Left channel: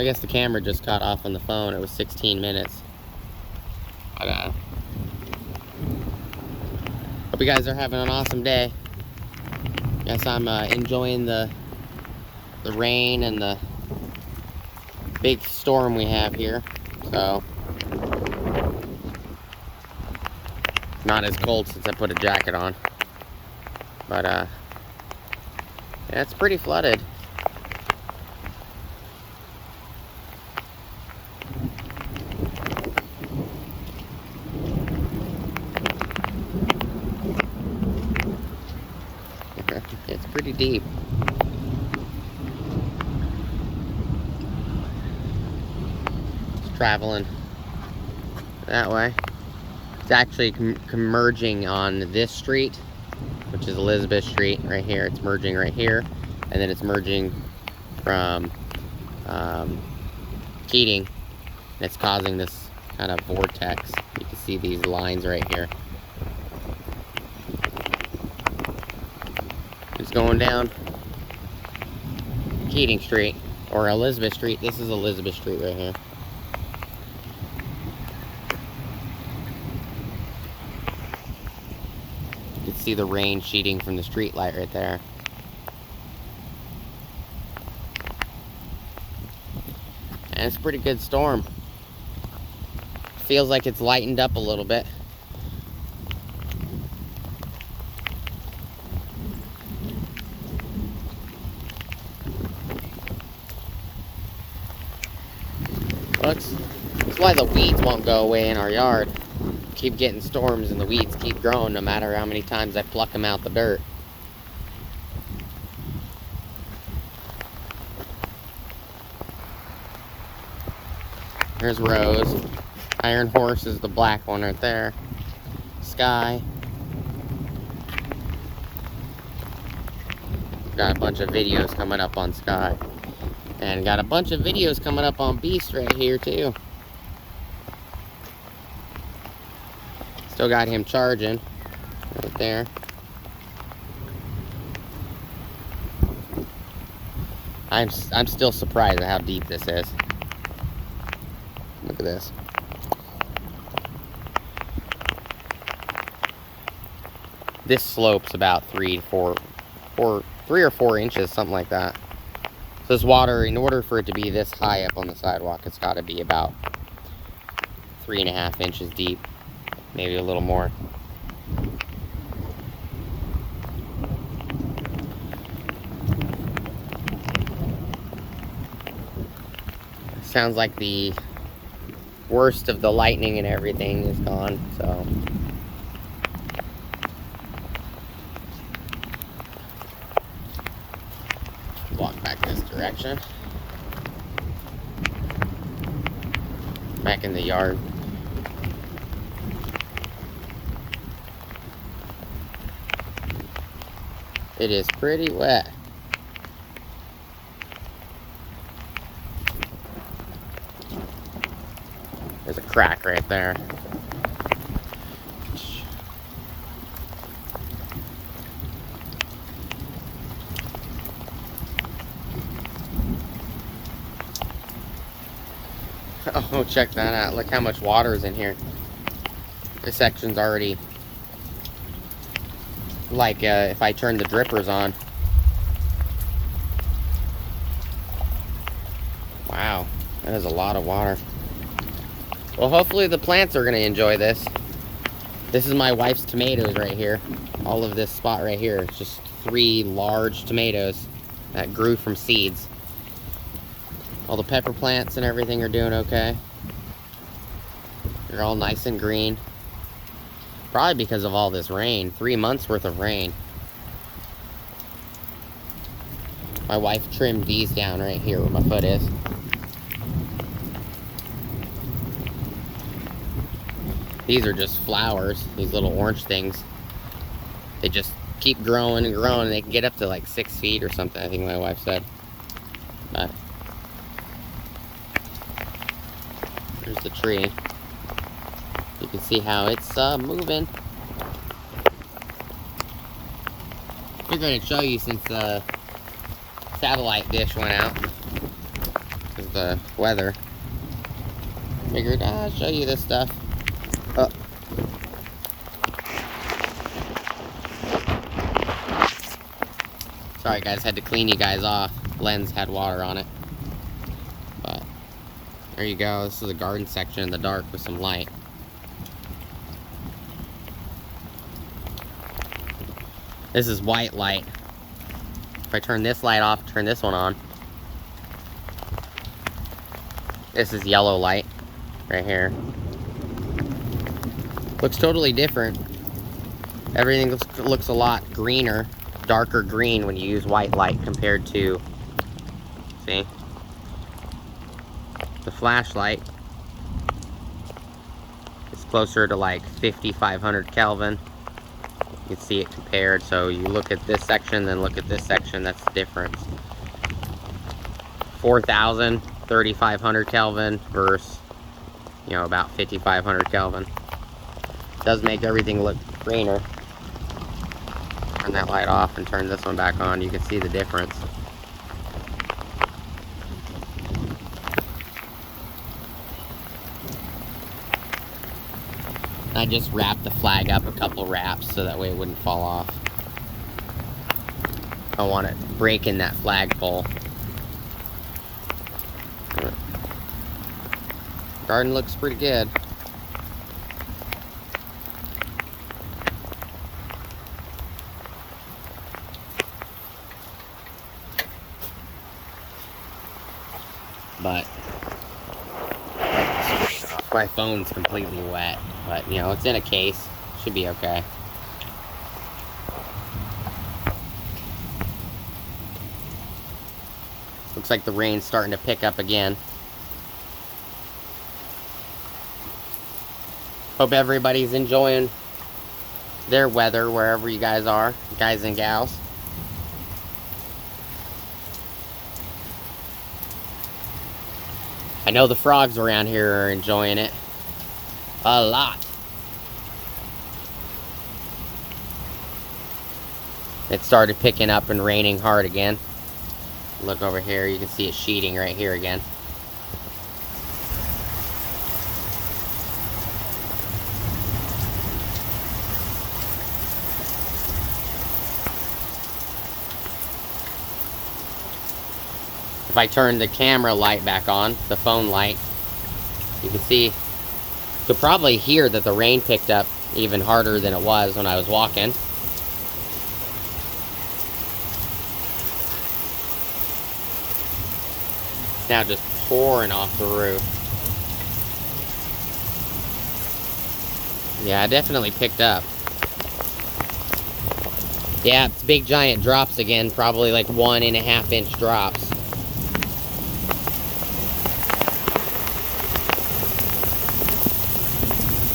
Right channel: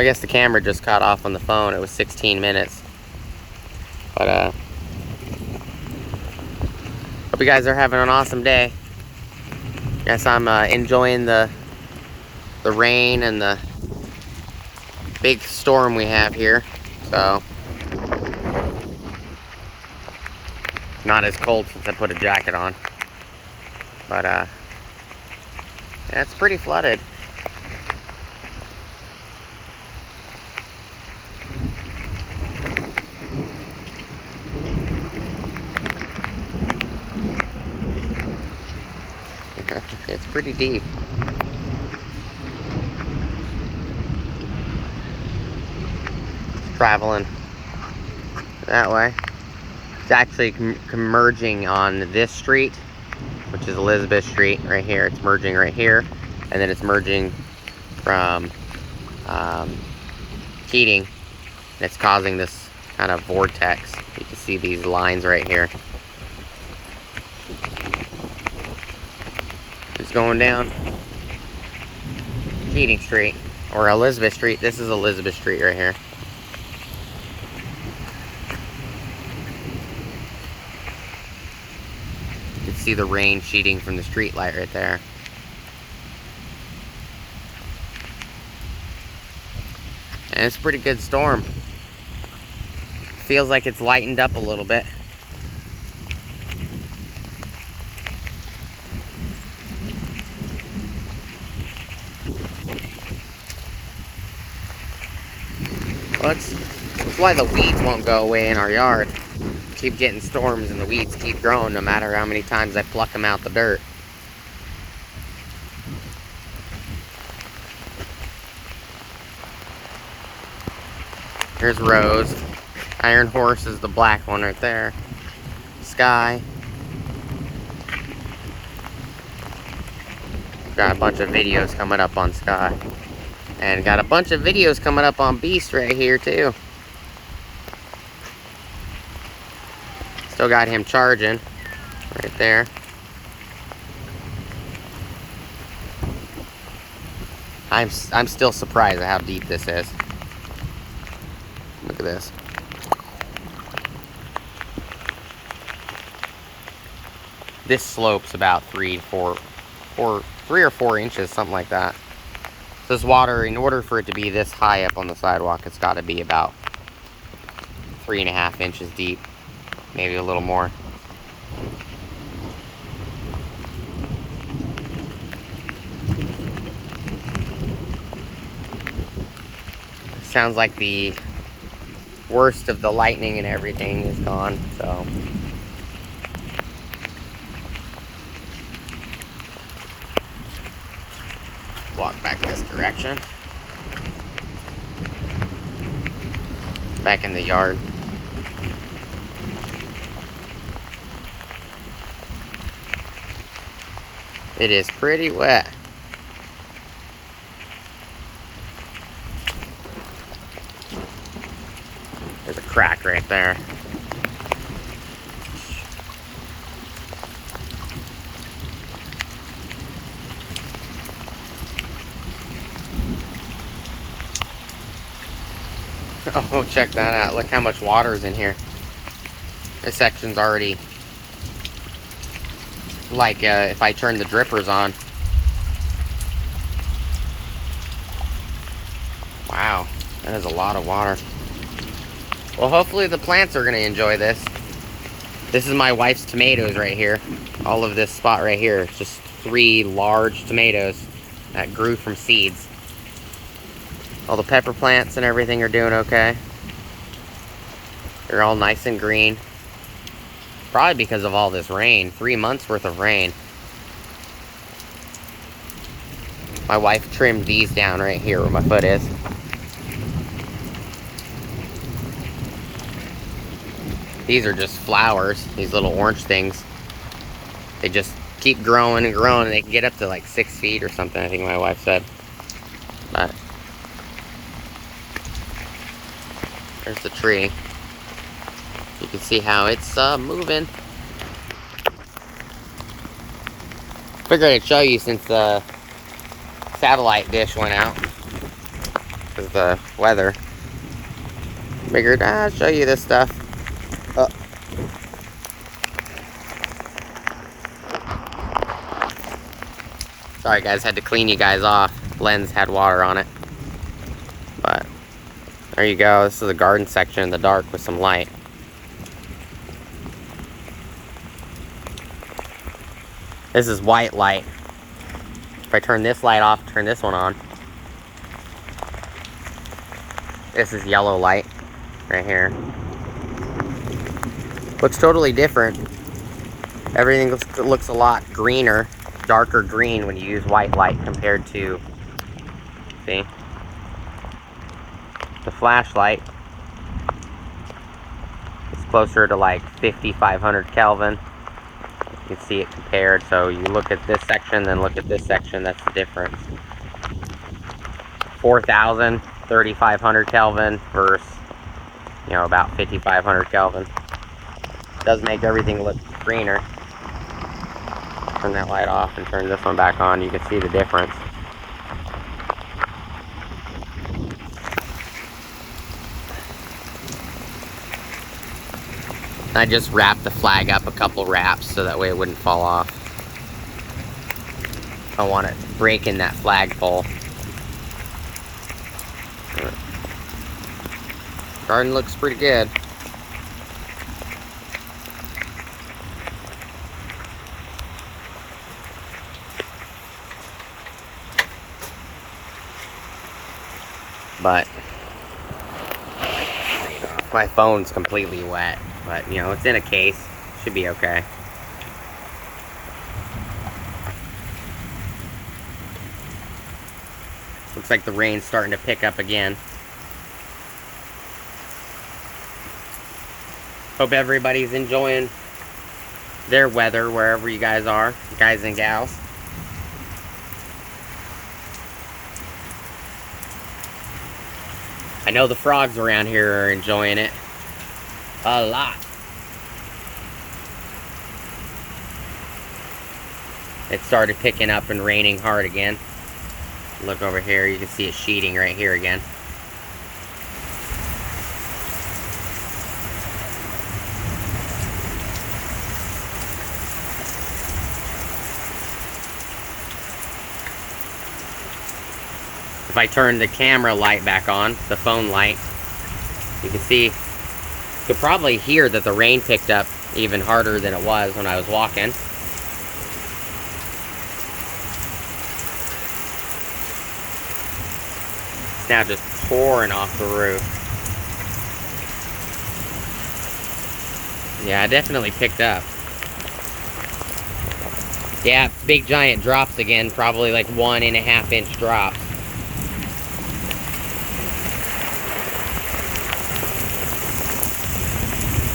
I guess the camera just cut off on the phone. It was 16 minutes. But, hope you guys are having an awesome day. Guess I'm enjoying the rain and the big storm we have here. So, not as cold since I put a jacket on. But, yeah, it's pretty flooded. It's pretty deep. Traveling that way. It's actually merging on this street, which is Elizabeth Street right here. It's merging right here, and then it's merging from Keating. And it's causing this kind of vortex. You can see these lines right here. It's going down Keating Street, or Elizabeth Street. This is Elizabeth Street right here. You can see the rain sheeting from the street light right there. And it's a pretty good storm. Feels like it's lightened up a little bit. Well, that's why the weeds won't go away in our yard. Keep getting storms and the weeds keep growing no matter how many times I pluck them out the dirt. Here's Rose. Iron Horse is the black one right there. Sky. Got a bunch of videos coming up on Sky. And got a bunch of videos coming up on Beast right here too. Still got him charging right there. I'm still surprised at how deep this is. Look at this. This slope's about 3 or 4 inches, something like that. This water, in order for it to be this high up on the sidewalk, it's got to be about 3.5 inches deep, maybe a little more. Sounds like the worst of the lightning and everything is gone, so. Walk back this direction. Back in the yard. It is pretty wet. There's a crack right there. Oh, check that out. Look how much water is in here. This section's already like if I turn the drippers on. Wow, that is a lot of water. Well, hopefully the plants are going to enjoy this. This is my wife's tomatoes right here. All of this spot right here. It's just 3 large tomatoes that grew from seeds. All the pepper plants and everything are doing okay. They're all nice and green. Probably because of all this rain. 3 months worth of rain. My wife trimmed these down right here where my foot is. These are just flowers, these little orange things. They just keep growing and growing, and they can get up to like 6 feet or something, I think my wife said. But there's the tree. You can see how it's moving. Figured I'd show you since the satellite dish went out. because of the weather. Figured I'll show you this stuff. Sorry guys, had to clean you guys off. Lens had water on it. But there you go. This is the garden section in the dark with some light. This is white light. If I turn this light off, turn this one on. This is yellow light right here. Looks totally different. Everything looks a lot greener, darker green when you use white light compared to, see? The flashlight is closer to like 5,500 Kelvin. You can see it compared. So you look at this section, then look at this section, that's the difference. 4,000, 3,500 Kelvin versus, you know, about 5,500 Kelvin. Does make everything look greener. Turn that light off and turn this one back on. You can see the difference. I just wrapped the flag up a couple wraps so that way it wouldn't fall off. I want it breaking that flagpole. Garden looks pretty good. But my phone's completely wet, but you know, it's in a case. Should be okay. Looks like the rain's starting to pick up again. Hope everybody's enjoying their weather wherever you guys are, guys and gals. I know the frogs around here are enjoying it a lot. It started picking up and raining hard again. Look over here, you can see it sheeting right here again. If I turn the camera light back on, the phone light, you can see, you could probably hear that the rain picked up even harder than it was when I was walking. It's now just pouring off the roof. Yeah, it definitely picked up. Yeah, it's big giant drops again, probably like 1.5 inch drops.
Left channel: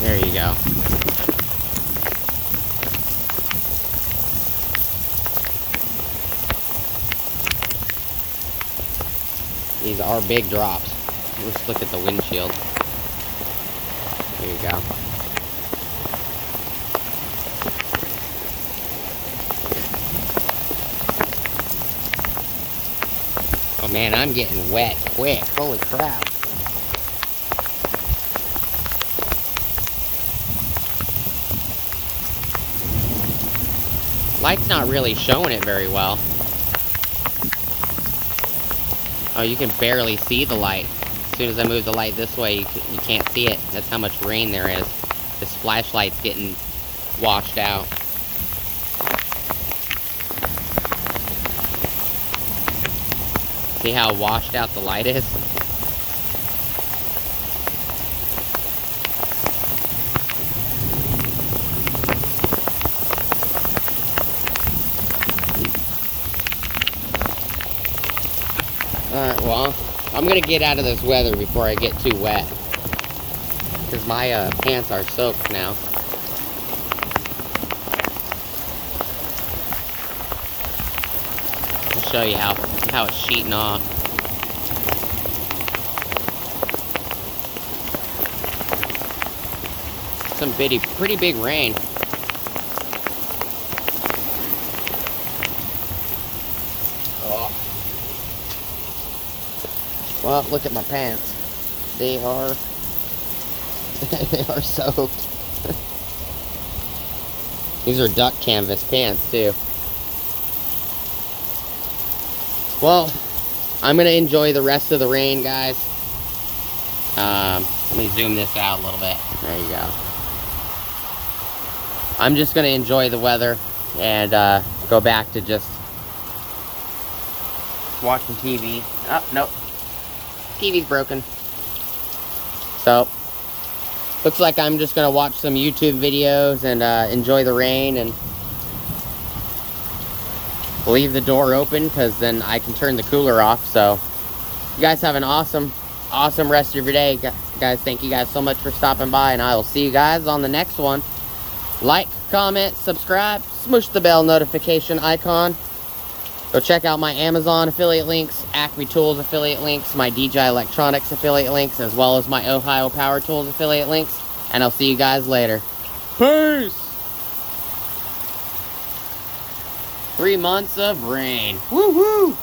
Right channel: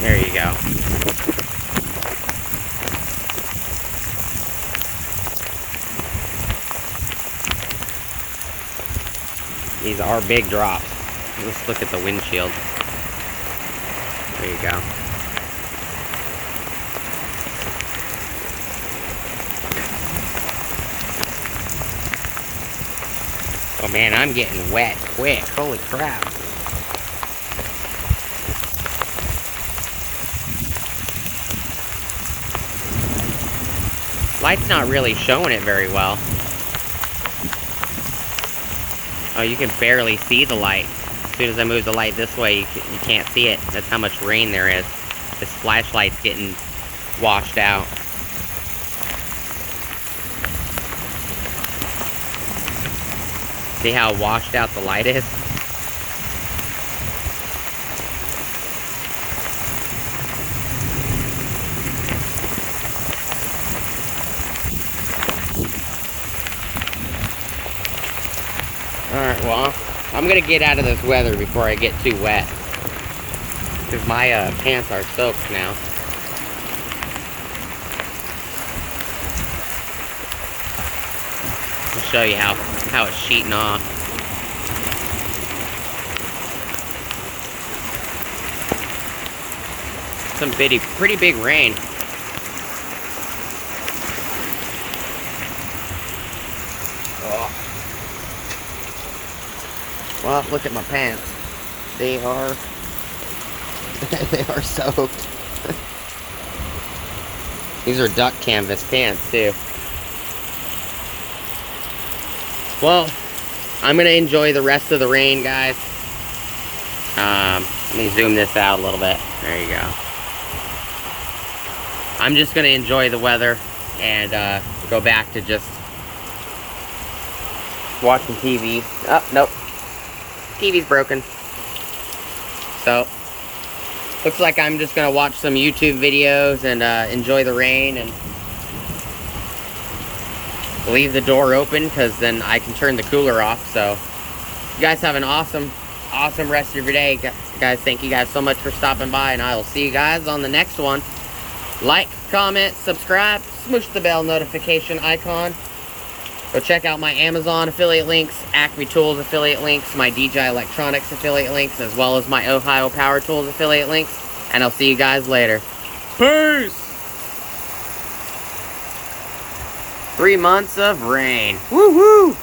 There you go. These are big drops. Let's look at the windshield. There you go. Oh man, I'm getting wet quick. Holy crap. Light's not really showing it very well. Oh, you can barely see the light. As soon as I move the light this way, you can't see it. That's how much rain there is. This flashlight's getting washed out. See how washed out the light is? Alright, well, I'm gonna get out of this weather before I get too wet. Because my pants are soaked now. I'll show you how it's sheeting off. Some pretty big rain. Well, look at my pants. They are they are soaked. These are duck canvas pants too. Well, I'm gonna enjoy the rest of the rain, guys. Let me zoom this out a little bit. There you go. I'm just gonna enjoy the weather and go back to just watching TV. Oh, nope. TV's broken. So, looks like I'm just gonna watch some YouTube videos and enjoy the rain and leave the door open, because then I can turn the cooler off. So, you guys have an awesome rest of your day. Guys, thank you guys so much for stopping by, and I will see you guys on the next one. Like, comment, subscribe, smush the bell notification icon. Go check out my Amazon affiliate links, Acme Tools affiliate links, my DJI Electronics affiliate links, as well as my Ohio Power Tools affiliate links. And I'll see you guys later. Peace! 3 months of rain. Woo-hoo!